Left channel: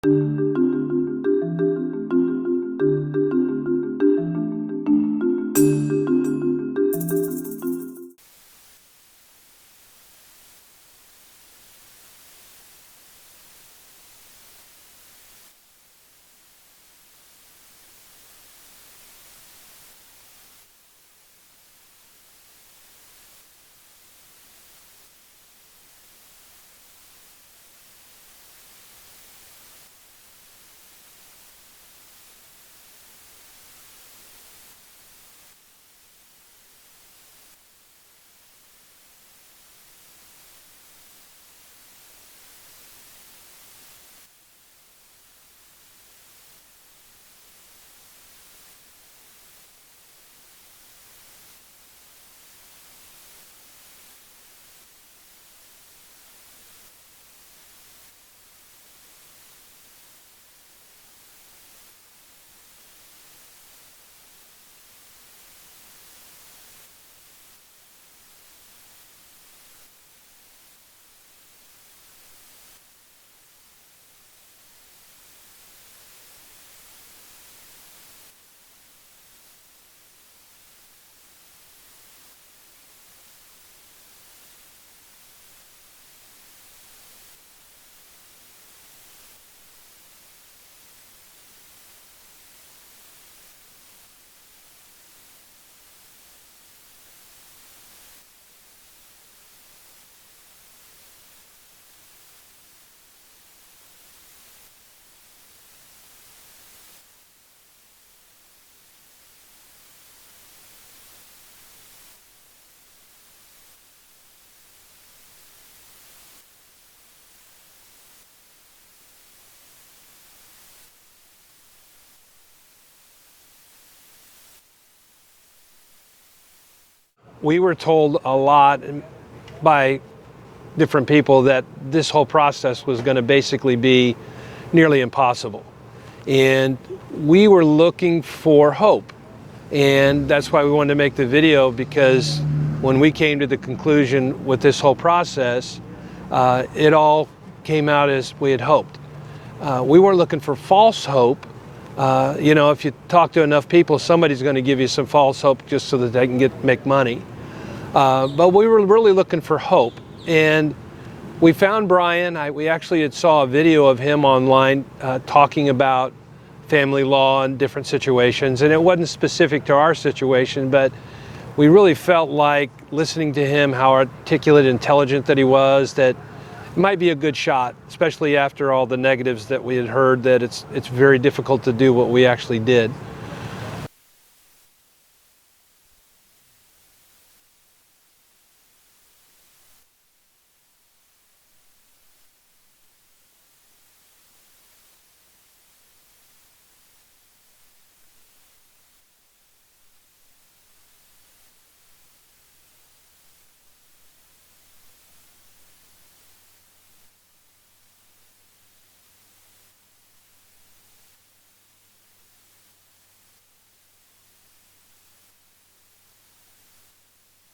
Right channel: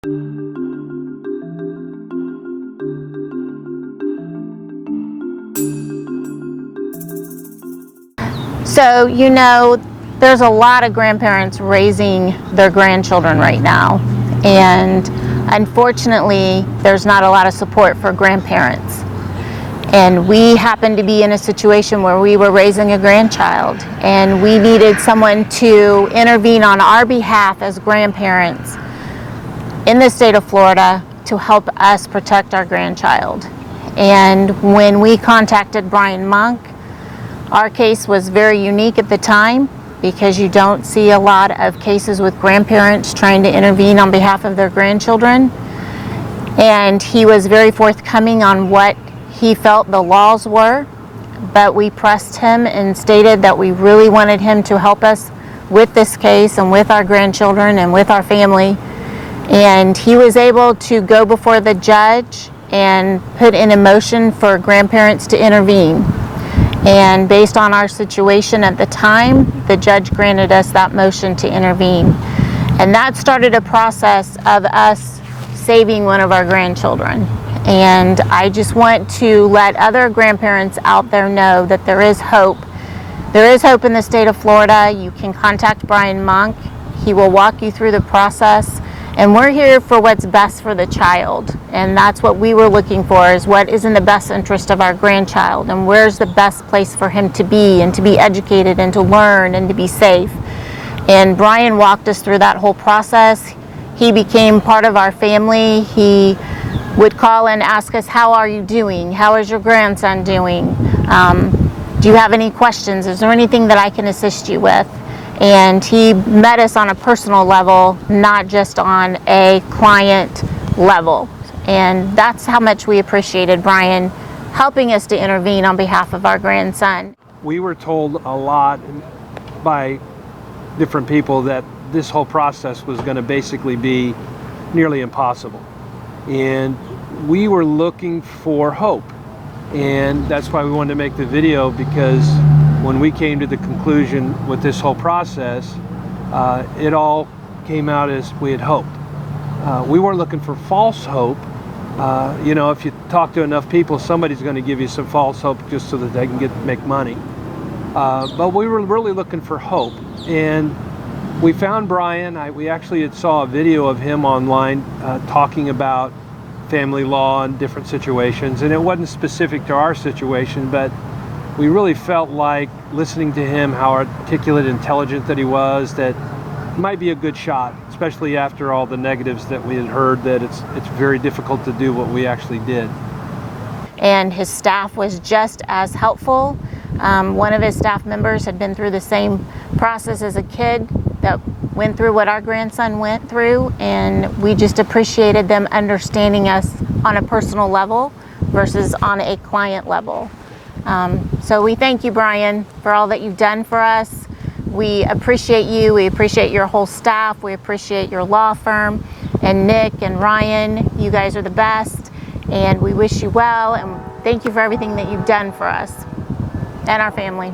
So, there's a lot of grandparents raising their grandchildren right now, and unfortunately, there's not a lot of support for grandparents. And we happened to be in a situation where we were raising a grandchild, and we needed someone to intervene on our behalf as grandparents in the state of Florida to help us protect our grandchild. And when we contacted Brian Monk, our case was very unique at the time because you don't see a lot of cases with grandparents trying to intervene on behalf of their grandchildren. And he was very forthcoming on what he felt the laws were, but we pressed him and stated that we really wanted him to help us with this case and with our grandchildren and with our family. And he was able to go before the judge and put in a motion for grandparents to intervene. And based on our situation at the time, the judge granted us that motion to intervene. And that started a process of us saving one of our grandchildren. And I just want to let other grandparents out there know that there is hope. There is hope in the state of Florida. You can contact Brian Monk. He will walk you through the process. And we're here for what's best for the child. And that's what we were looking for, is what is in the best interest of our grandchild and where's the best place for him to be and to be educated and to learn and to be safe. And Brian walked us through that whole process. He became part of our family. He would call and ask us, how are you doing? How is your grandson doing? Do you have any questions? Is there anything that I can assist you with? And he met us on a personal level, not just on a client level. And that's how much we appreciated Brian helping us to intervene on behalf of our grandson. We were told a lot by different people that this whole process was going to basically be nearly impossible. And we were looking for hope. And that's why we wanted to make the video, because when we came to the conclusion with this whole process, it all came out as we had hoped. We weren't looking for false hope. If you talk to enough people, somebody's going to give you some false hope just so that they can make money. But we were really looking for hope. And we found Brian. We actually had saw a video of him online talking about family law and different situations. And it wasn't specific to our situation, but we really felt like listening to him, how articulate, intelligent that he was, that might be a good shot, especially after all the negatives that we had heard, that it's very difficult to do what we actually did. And his staff was just as helpful. One of his staff members had been through the same process as a kid that went through what our grandson went through, and we just appreciated them understanding us on a personal level versus on a client level. So we thank you, Brian, for all that you've done for us. We appreciate you. We appreciate your whole staff. We appreciate your law firm. And Nick and Ryan, you guys are the best. And we wish you well. And thank you for everything that you've done for us and our family.